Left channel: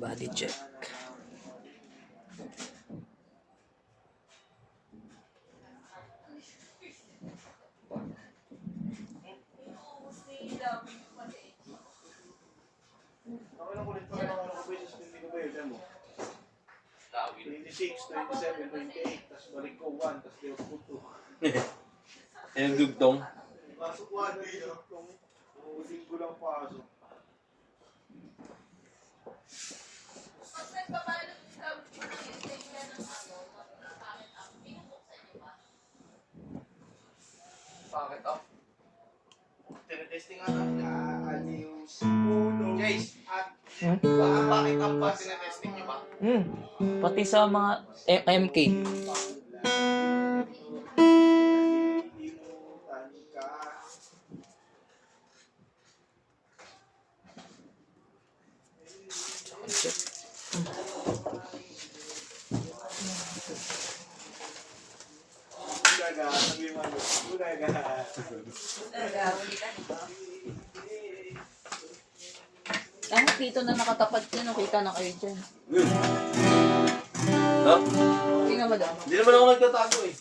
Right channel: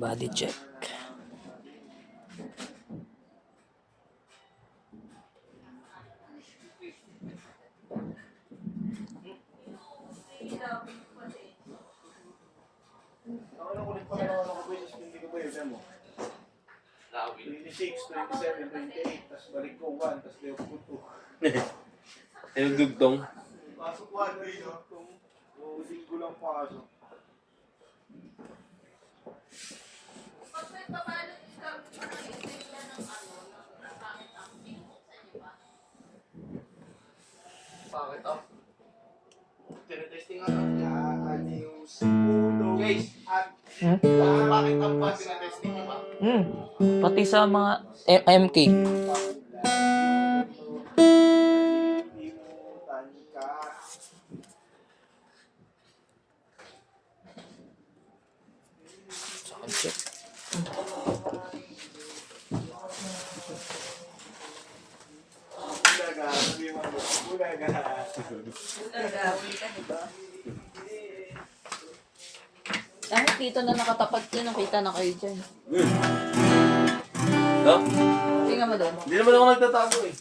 Body check. Ano kulit pa naman ako ba yung hindi ko ba yun mo? 26, 27, 28, tapos balik ko 1, tapos di ako 2. Yung dugtong. Pasok 1 rin no? Kung linggo lang pasok. Pag nagpabalot ka, pinag-explain niya ng bakit ang pinubuksan niyo ba? Bakit ah? Tinetesting nga natin. News. Uno. Jace. At bakit ang pa tinetesting niyo ba? Pati sa mga MK. Sound check. Ulaga, sabi mo. Ulaga. Ulitan ito. Dahil dito na nakatapat dyan, nakita na kayo dyan. No? Tingnan mo doon. Hindi naman ako nagtatago eh.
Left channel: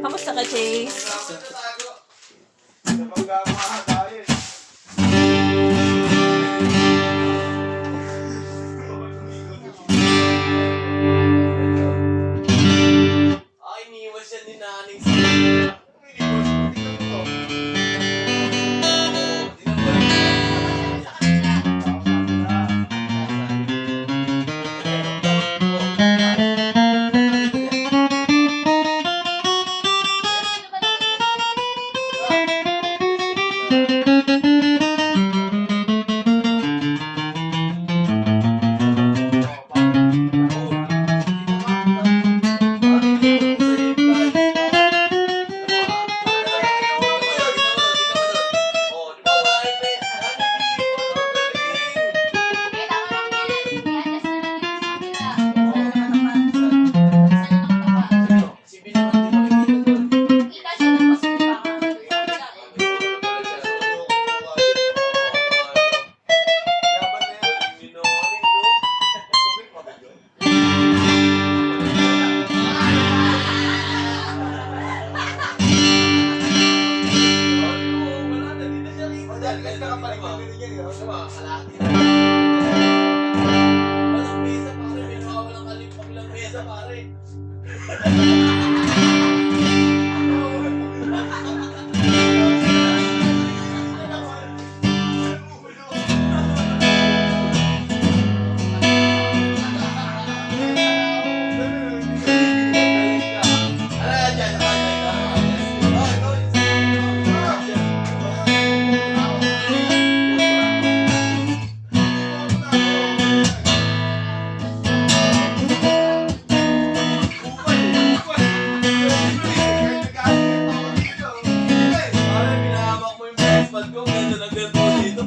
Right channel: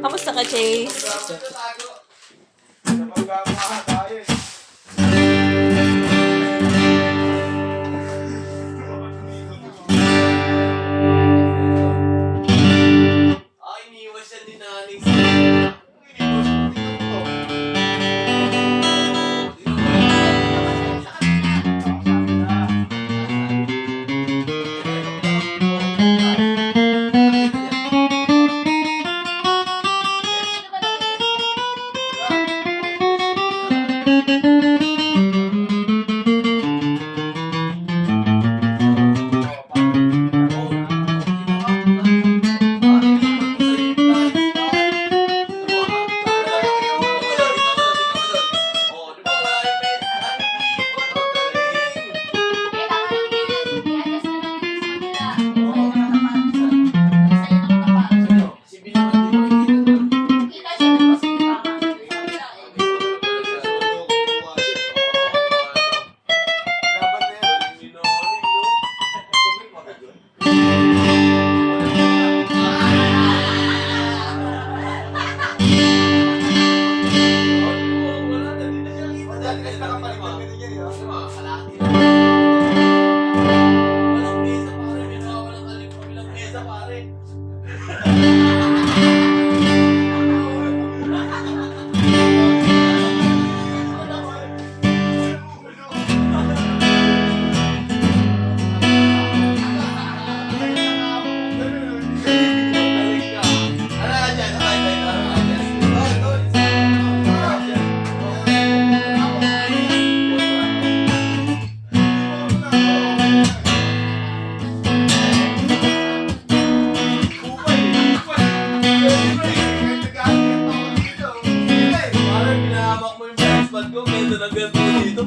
Kamusta ka, Chase? Kapag gamaha tayo eh. Ay, iniwan siya ni Naning.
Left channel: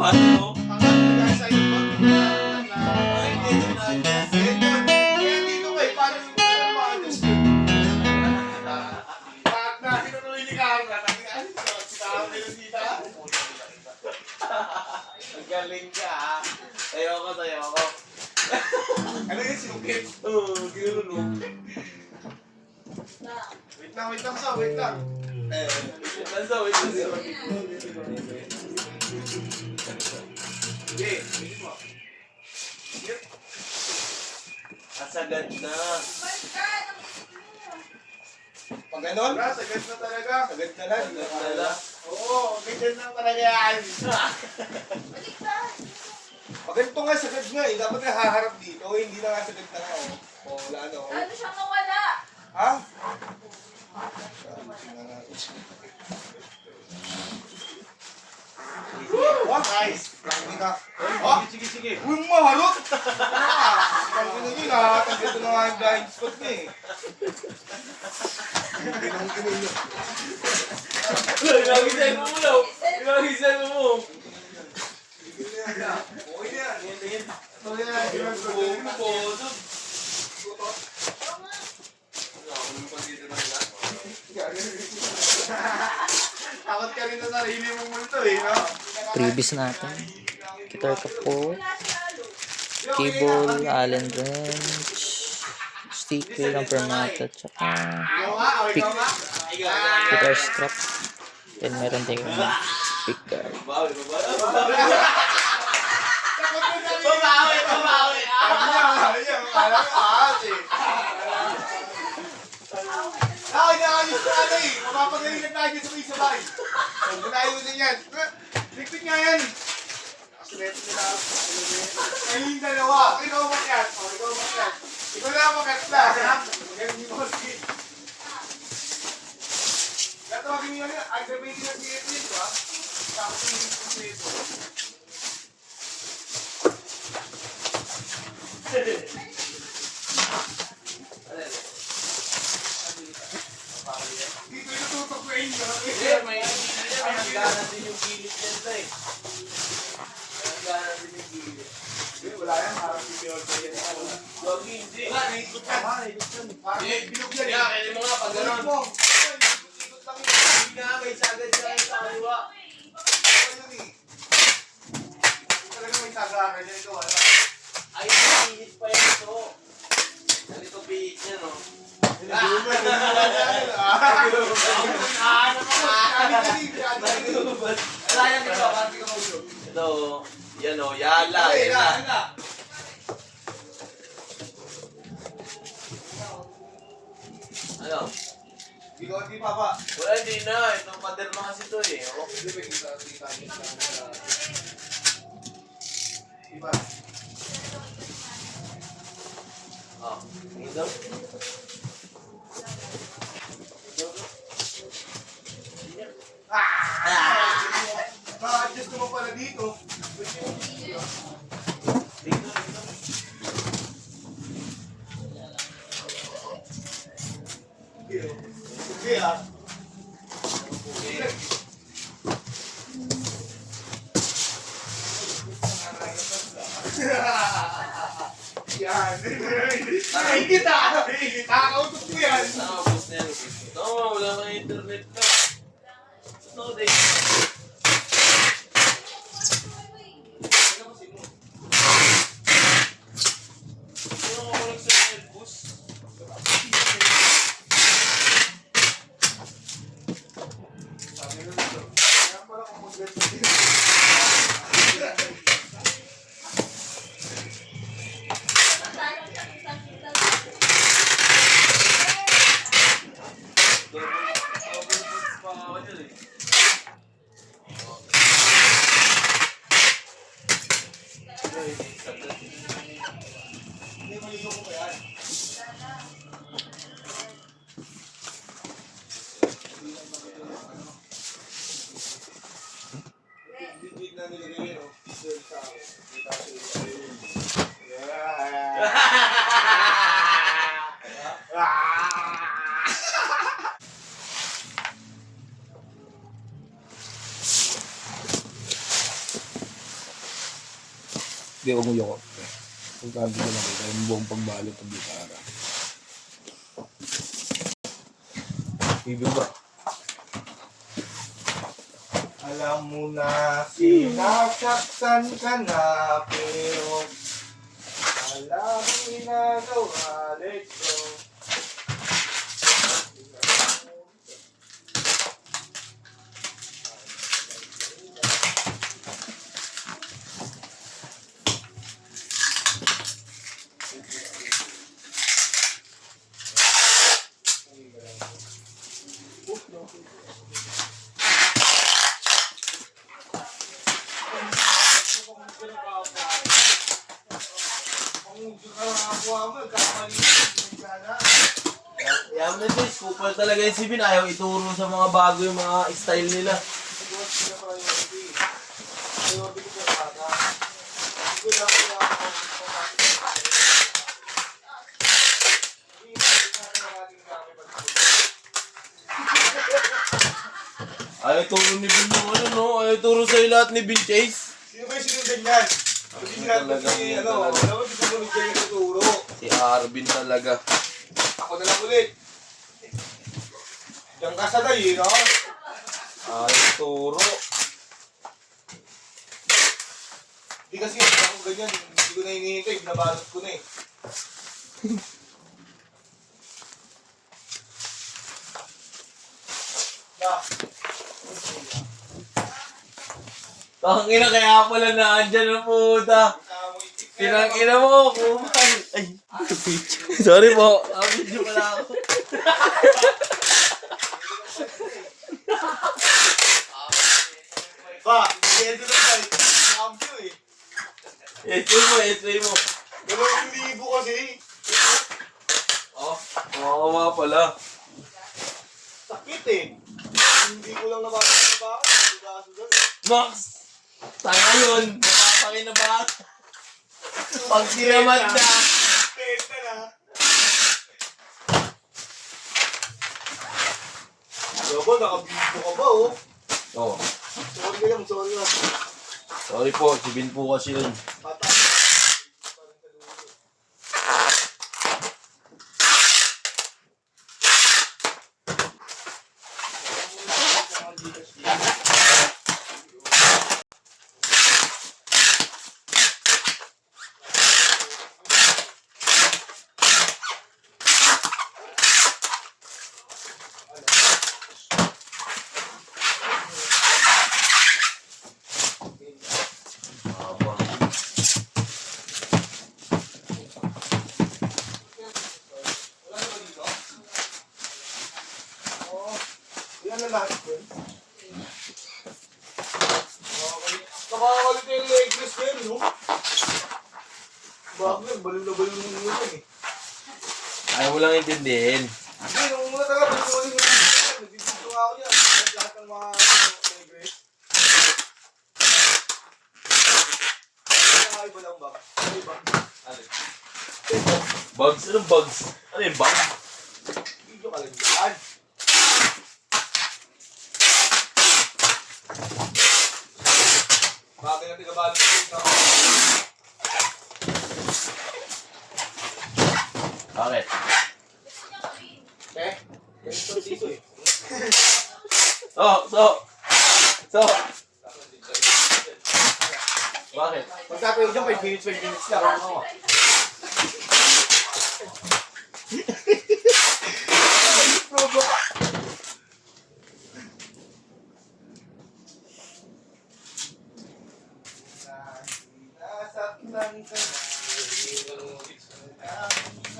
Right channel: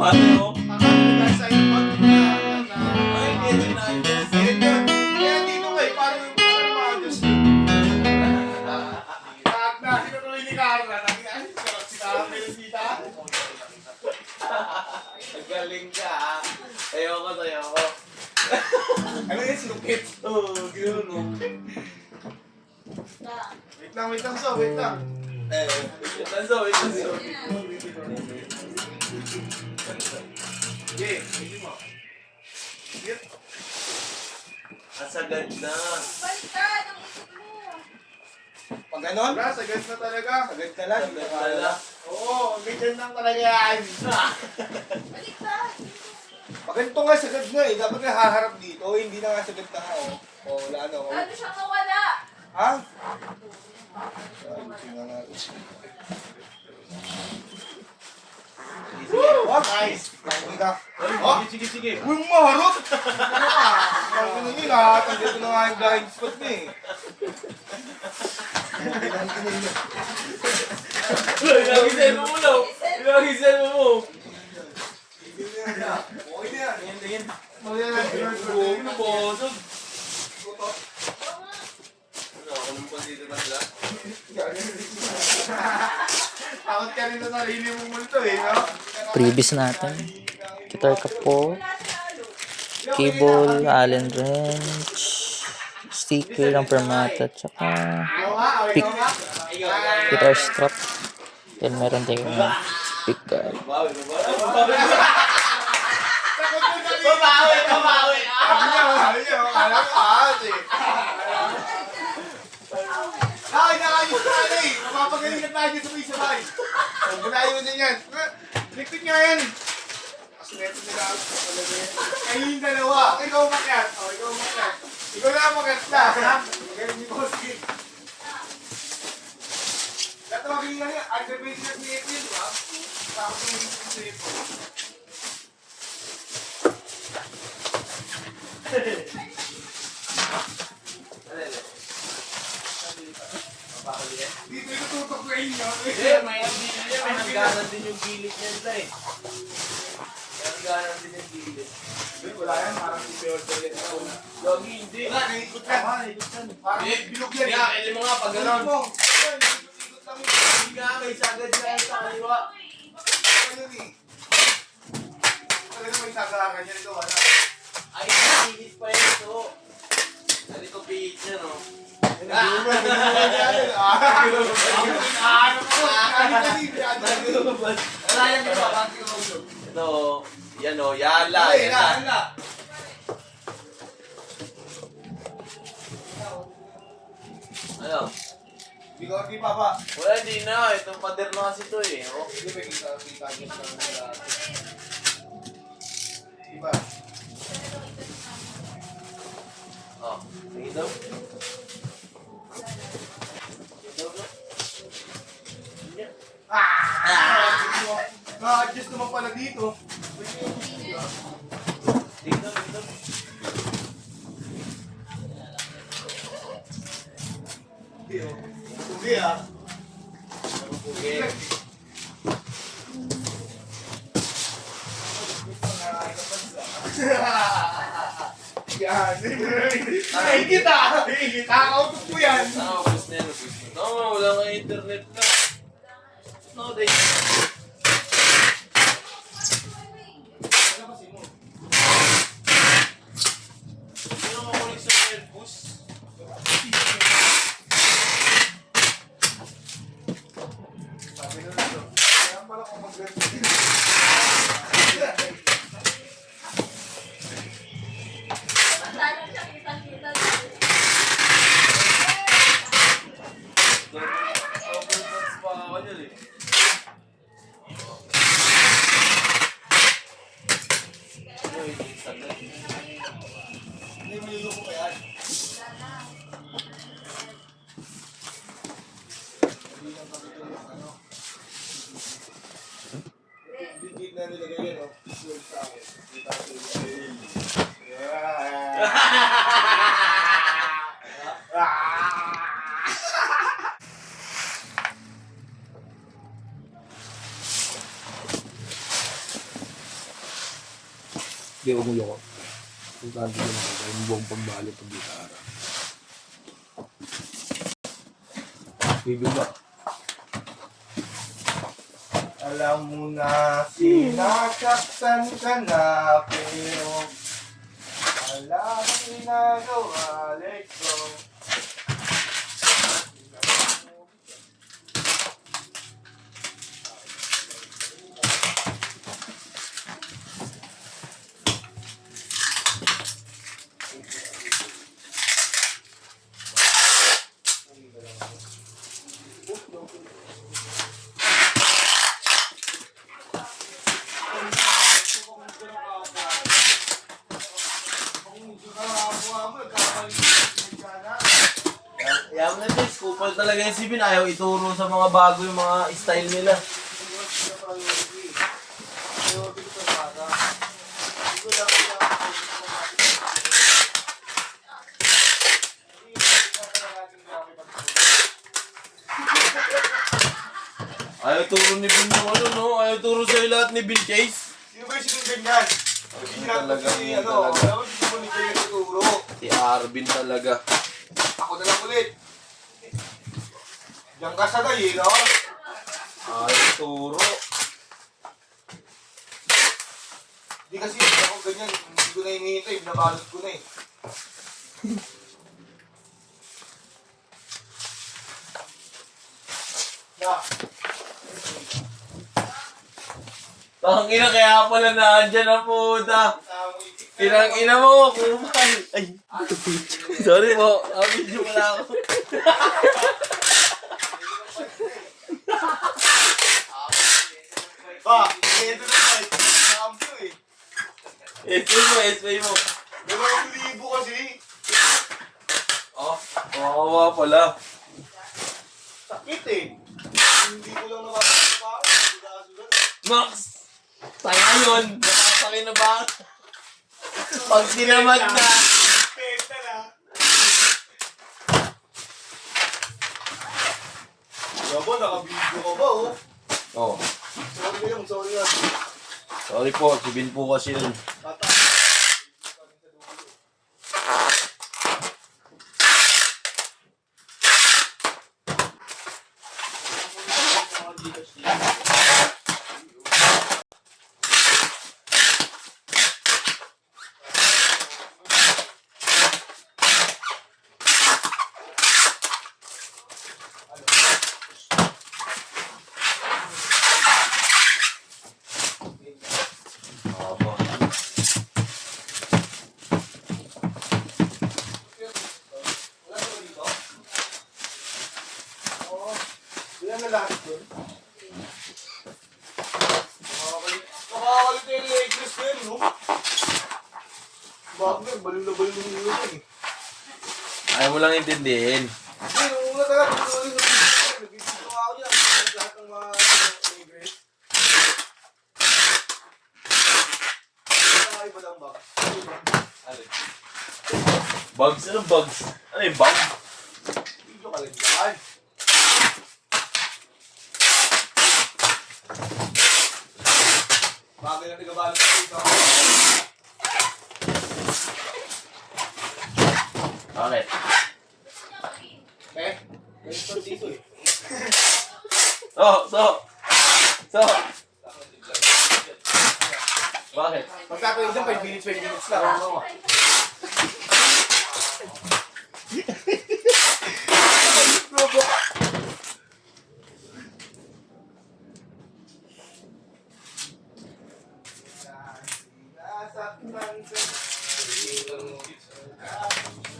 Paano? Ang ano sa iyo pag Ay, hindi na adjust. kaya dito kayo, paano yung ma-adjust ko? Sinutuloy ni Carla. Sarap kayo dita. Ang galing ka ah. Ayoko sa'yo ko. Ano yung sinukit? Oo, gano'n no. Wait lang, so, wait lang. Lanso, wait lang. Okay, sige mo. Sige. Asagad na. Pag ganon? Sagad na talaga. Sagad na lang. Sagad na. Oo, ganyan lang talaga yan. Pag ganito nga, sagad nga eh. Dapat nga haharap dito. Hindi na nga sagad na nga eh. O, wala no. Ano siyang nawala? Ha? Ayusin nga natin. What? Nice. Oh, Sige. uy, maharot! Ang ano yun, nakakatagyan ko na nga yung blind spot na eh. Ilagisay mo muna. Ilagisay mo. Okay na yan. Tingin. Okay na yan. Buong posod. Previous natin. Guitar capo. Cable, Allen wrench. Sticker ng permata. Tsaka pick. Guitar strap. Then meron tayong pick guard. Babawi. Babawi. Ay, nakayos na ano eh. Mapapagaling na tayo sabay-sabay. Huwag mo na yun din yan. Likod nga yan. Asleto nila ako. Kayo yung dalawa. Ikaw makat. Ikaw makat. Ikaw na makat na. Ganun yung bossy. Ito ang ganyan. Ang gabi na creative, ha? Tapos yung creative. Dito yung tutok ko inyo. May hangganan din yung gilid nila eh. May hangganan din yung gilid. Wala yan. Parang si Peor sa yan. Lagi hindi. Wala, naikot yan. Parang bilog yan. Kaya, kaya mo nga pag gano'n. Mo. Hindi nga, may sagad yan sa kaliwa. Ayun eh. Talaga may sagaran yan ito. Wala. Ay, pihit pa yun ito. Ganito pihit niya, no? Ito, yan o, yala. Ano? Di papa. Wala, hindi na. Itong pader na kasi ito eh. Oh. Diba? Oh, ito. Na-adjust naman pala dito. Dito. Hindi ah. Okay. Yan. Ingit ah. Nakakautok ko yan. Ano, boss na yan. Oo, wala kang internet na. No, day. Ano ka kulik sa Airbus? Sabi ko dito. Kaya pala kung mag-ganito. Hindi, maligo ko pa yan. Legit na nilagay yan, oh. Doon sa akin. Kita ko yun. Hindi, huwag mo yung ako. Kung saan ko nakita yung buong pagbalot ng gitara. Ibig ba? Alam mo na sinasaktan ka na, pero wala kang ginagawa, let go. Yaman na Jess, kupal talaga yung Sibin. Ayaw ituro sa mga bago yung mga style nila. Ayaw turo ni Bin yung ano, no? Ayaw turo sa'yo lahat ni Bin Chase. Sino ba yung sinundan yan? Hindi natin si, ano, alam mo, hindi mo nito yung natuturo. Si Arvin talaga. Ako na lang ulit. Diyan ka sa day, no? Ayaw turo. Hindi kasi ako ganyan, hindi ko na hinihintay, binabalot ko na eh. Da. Tangina kaya pala naandyan ang puta. Tirang ina mo, kumal. Ay, sorry po. Video pala ako. Ba, ito na ba? Cambio eh. Essay mo. 2,000 kasi. Oh, kawawa pala. Sakit eh. Hindi ko lang nakakasaba. Max! Tanga yun. Nakapakinabahan. Pag tinamad na. Penta na. Gabo, naka-video ka ba oh? Oh, Sorry lang. sorry po. Si Bin po kasi yun. Bata. Aba. Ilan na lahat yun? Nakakalit yung legless na yun, no? Bakit? Baliw na yun eh. Ayaw mo lang intindihin. Hindi, nung una talaga, nabibigyo nga ako niya. Lahat ng mga legless. Iba lang ba? Iba. Ano? Bugs? Anong bugs? Ano yung bug? Video ka lang yan. Bagay na tigabalot ko ito. Bakit? Eh? Ganito dito eh. So. Bakit? Pagkakayo dyan, 5 minutes lang.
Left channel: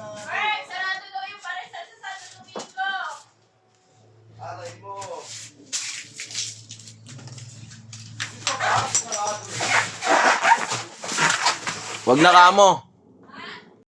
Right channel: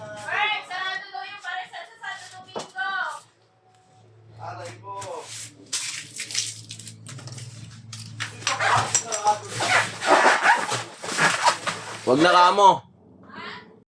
Mark, sarado daw yung paresan sa Santo Domingo. Aray mo. Wag na kamo.